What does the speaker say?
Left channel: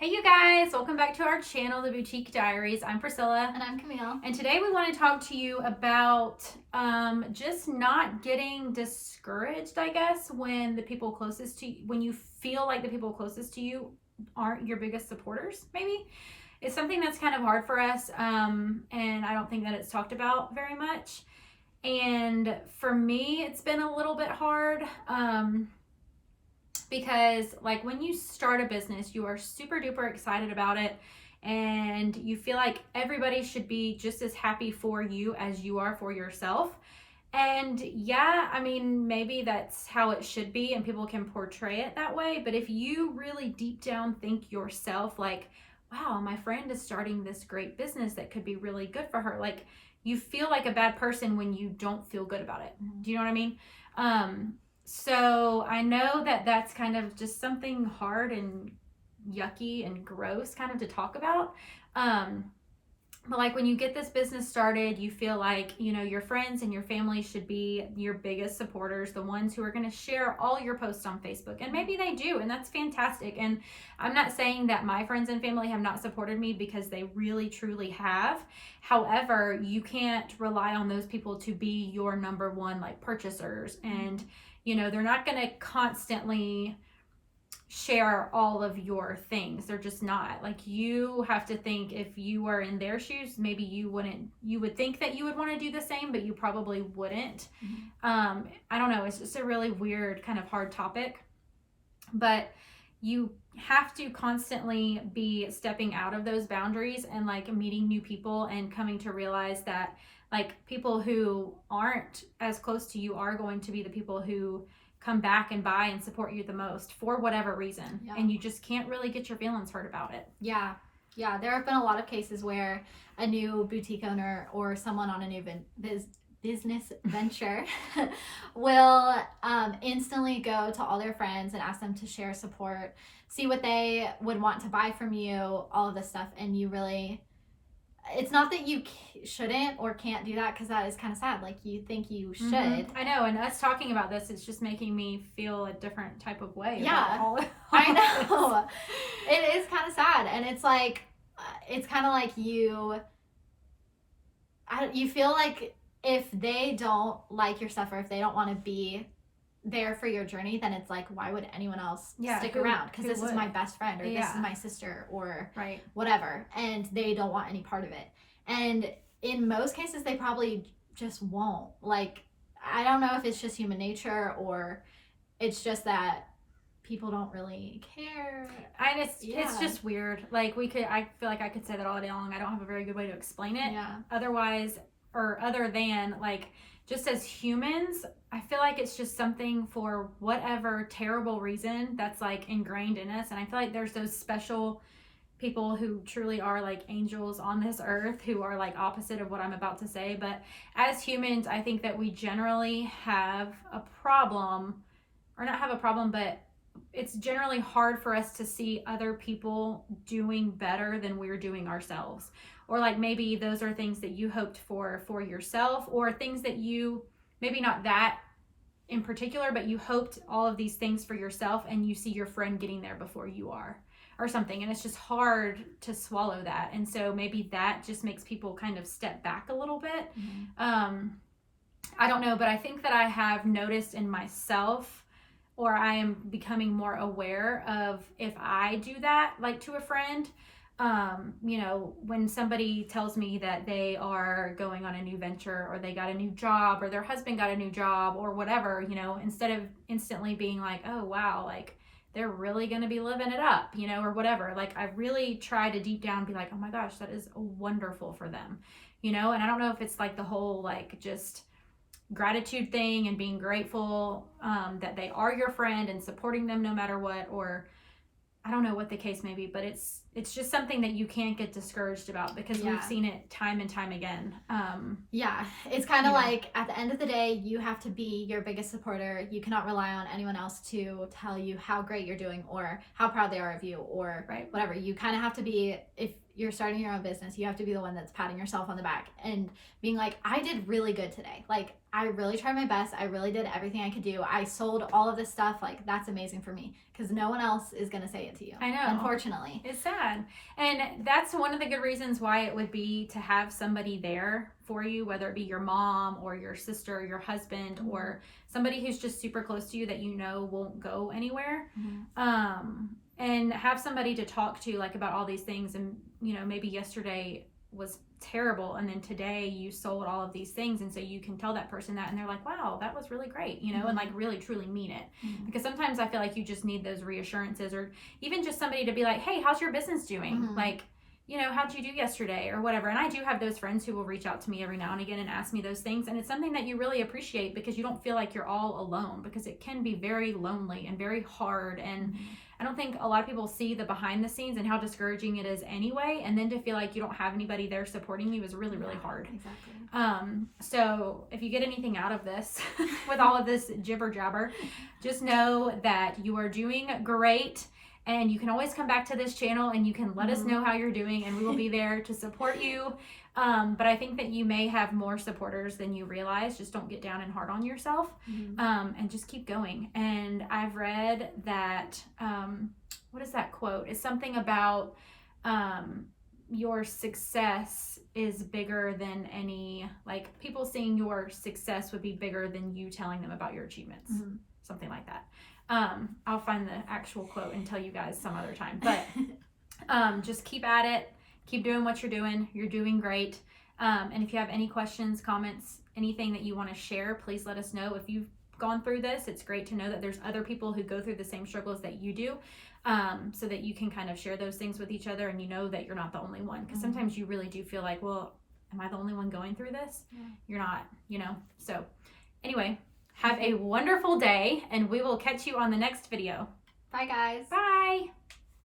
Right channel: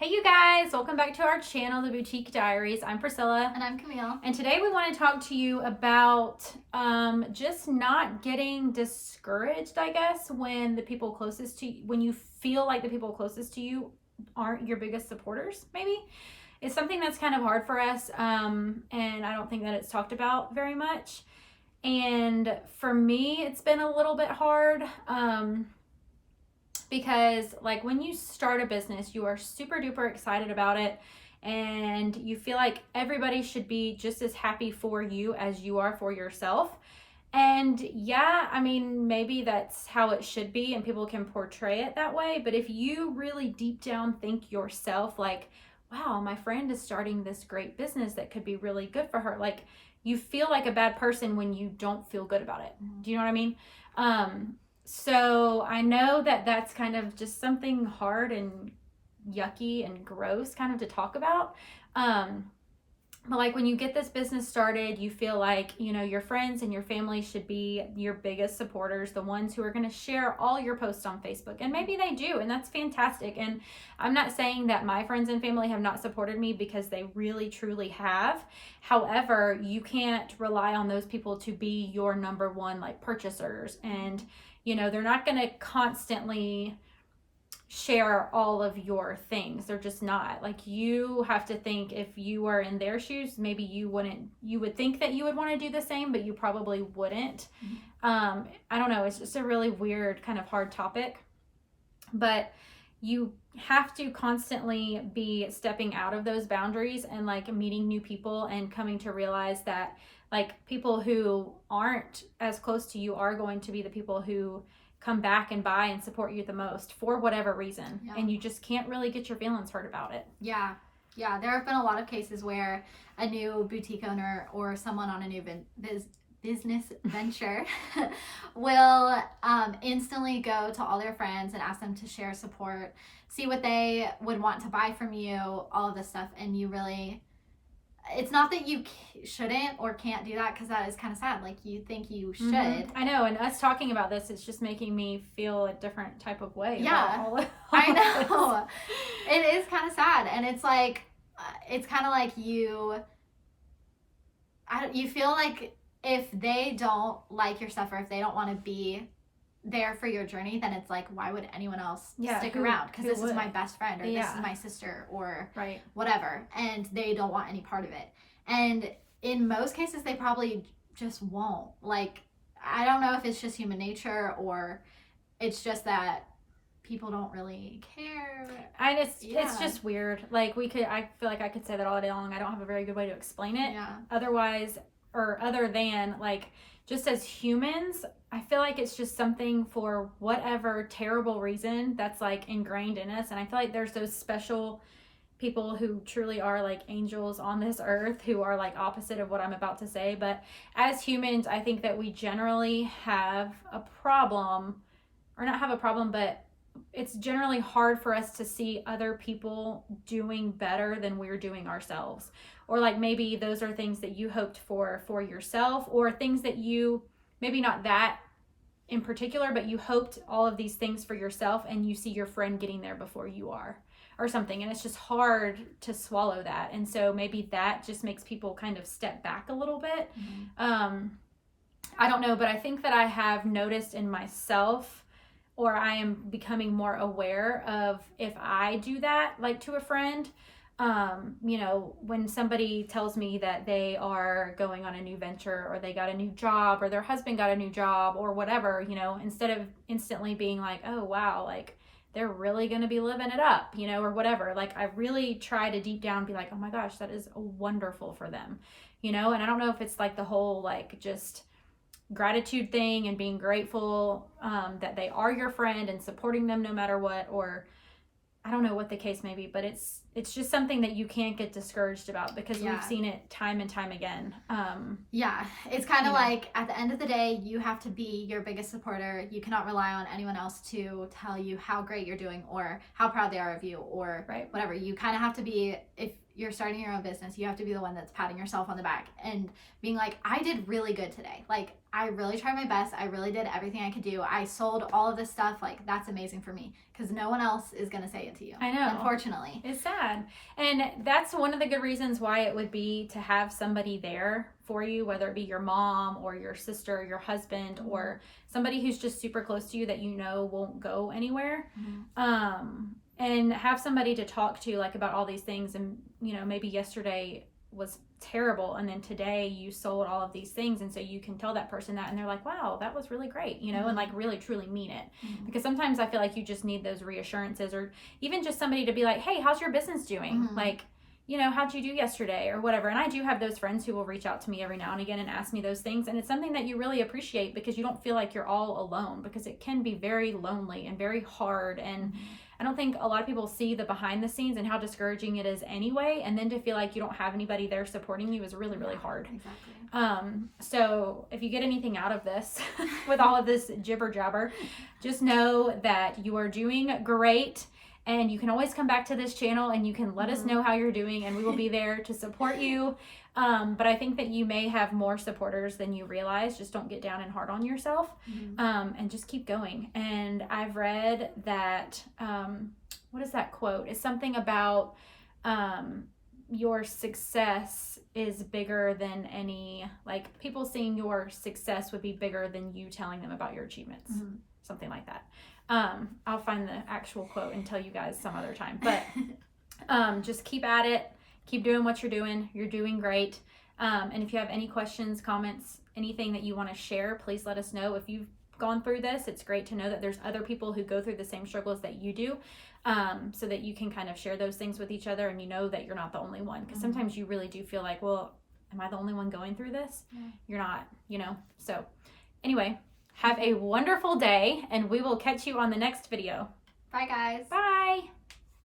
Hey you guys, welcome back to our channel, The Boutique Diaries. I'm Priscilla. And I'm Camille. And today we want to talk to you about just not getting discouraged, I guess, when the people closest to you, when you feel like the people closest to you aren't your biggest supporters, maybe. It's something that's kind of hard for us, and I don't think that it's talked about very much. And for me, it's been a little bit hard. Because like when you start a business, you are super duper excited about it and you feel like everybody should be just as happy for you as you are for yourself. And yeah, I mean, maybe that's how it should be and people can portray it that way. But if you really deep down think yourself like, wow, my friend is starting this great business that could be really good for her. Like you feel like a bad person when you don't feel good about it. Do you know what I mean? So I know that that's kind of just something hard and yucky and gross kind of to talk about. But like when you get this business started, you feel like, you know, your friends and your family should be your biggest supporters, the ones who are going to share all your posts on Facebook. And maybe they do, and that's fantastic. And I'm not saying that my friends and family have not supported me because they really, truly have. However, you can't rely on those people to be your number one like purchasers. And you know, they're not going to constantly share all of your things. They're just not. Like you have to think if you are in their shoes, maybe you would think that you would want to do the same, but you probably wouldn't. I don't know. It's just a really weird kind of hard topic, but you have to constantly be stepping out of those boundaries and like meeting new people and coming to realize that like people who aren't as close to you are going to be the people who come back and buy and support you the most for whatever reason. Yeah. And you just can't really get your feelings hurt about it. Yeah. There have been a lot of cases where a new boutique owner or someone on a new business venture will instantly go to all their friends and ask them to share support, see what they would want to buy from you, all of this stuff. And you really... It's not that you shouldn't or can't do that because that is kind of sad. Like you think you should. I know, and us talking about this, it's just making me feel a different type of way. Yeah, I know. It is kind of sad, and it's like, it's kind of like you feel like if they don't like your stuff or if they don't want to be there for your journey, then it's like, why would anyone else stick around? Because this is my best friend, or this is my sister, or whatever, and they don't want any part of it. And in most cases they probably just won't. Like, I don't know if it's just human nature or it's just that people don't really care. It's just weird. Like I feel like I could say that all day long. I don't have a very good way to explain it. Other than like, just as humans, I feel like it's just something for whatever terrible reason that's like ingrained in us. And I feel like there's those special people who truly are like angels on this earth who are like opposite of what I'm about to say. But as humans, I think that we generally have a problem, or not have a problem, but it's generally hard for us to see other people doing better than we're doing ourselves. Or like maybe those are things that you hoped for yourself, or things that you, maybe not that in particular, but you hoped all of these things for yourself and you see your friend getting there before you are or something. And it's just hard to swallow that. And so maybe that just makes people kind of step back a little bit. I don't know, but I think that I have noticed in myself, or I am becoming more aware of if I do that, like to a friend, you know, when somebody tells me that they are going on a new venture or they got a new job or their husband got a new job or whatever, you know, instead of instantly being like, oh, wow, like they're really going to be living it up, you know, or whatever. Like I really try to deep down be like, oh my gosh, that is wonderful for them, you know? And I don't know if it's like the whole, like just gratitude thing and being grateful, that they are your friend and supporting them no matter what, or I don't know what the case may be, but it's just something that you can't get discouraged about because we've seen it time and time again. It's kind of like at the end of the day, you have to be your biggest supporter. You cannot rely on anyone else to tell you how great you're doing or how proud they are of you or whatever. You kind of have to be, if you're starting your own business, you have to be the one that's patting yourself on the back and being like, I did really good today. Like, I really tried my best. I really did everything I could do. I sold all of this stuff. Like, that's amazing for me, because no one else is going to say it to you. I know. Unfortunately. It's sad. And that's one of the good reasons why it would be to have somebody there for you, whether it be your mom or your sister or your husband, mm-hmm. or somebody who's just super close to you that you know won't go anywhere. Mm-hmm. And have somebody to talk to, like, about all these things. And, you know, maybe yesterday was terrible, and then today you sold all of these things, and so you can tell that person that, and they're like, wow, that was really great, you know, mm-hmm. and like really truly mean it. Mm-hmm. Because sometimes I feel like you just need those reassurances, or even just somebody to be like, hey, how's your business doing? Mm-hmm. Like, you know, how'd you do yesterday or whatever. And I do have those friends who will reach out to me every now and again and ask me those things, and it's something that you really appreciate, because you don't feel like you're all alone, because it can be very lonely and very hard. And mm-hmm. I don't think a lot of people see the behind the scenes and how discouraging it is anyway. And then to feel like you don't have anybody there supporting you is really, really hard. Exactly. So if you get anything out of this with all of this jibber jabber, just know that you are doing great. And you can always come back to this channel and you can let us know how you're doing, and we will be there to support you. But I think that you may have more supporters than you realize. Just don't get down and hard on yourself, and just keep going. And I've read that, what is that quote? It's something about your success is bigger than any, like, people seeing your success would be bigger than you telling them about your achievements. Mm-hmm. Something like that. I'll find the actual quote and tell you guys some other time. But just keep at it. Keep doing what you're doing. You're doing great. And if you have any questions, comments, anything that you want to share, please let us know. If you've gone through this, it's great to know that there's other people who go through the same struggles that you do, so that you can kind of share those things with each other, and you know that you're not the only one. Because sometimes you really do feel like, well, am I the only one going through this? Yeah. You're not, you know. So anyway, have a wonderful day, and we will catch you on the next video. Bye, guys. Bye.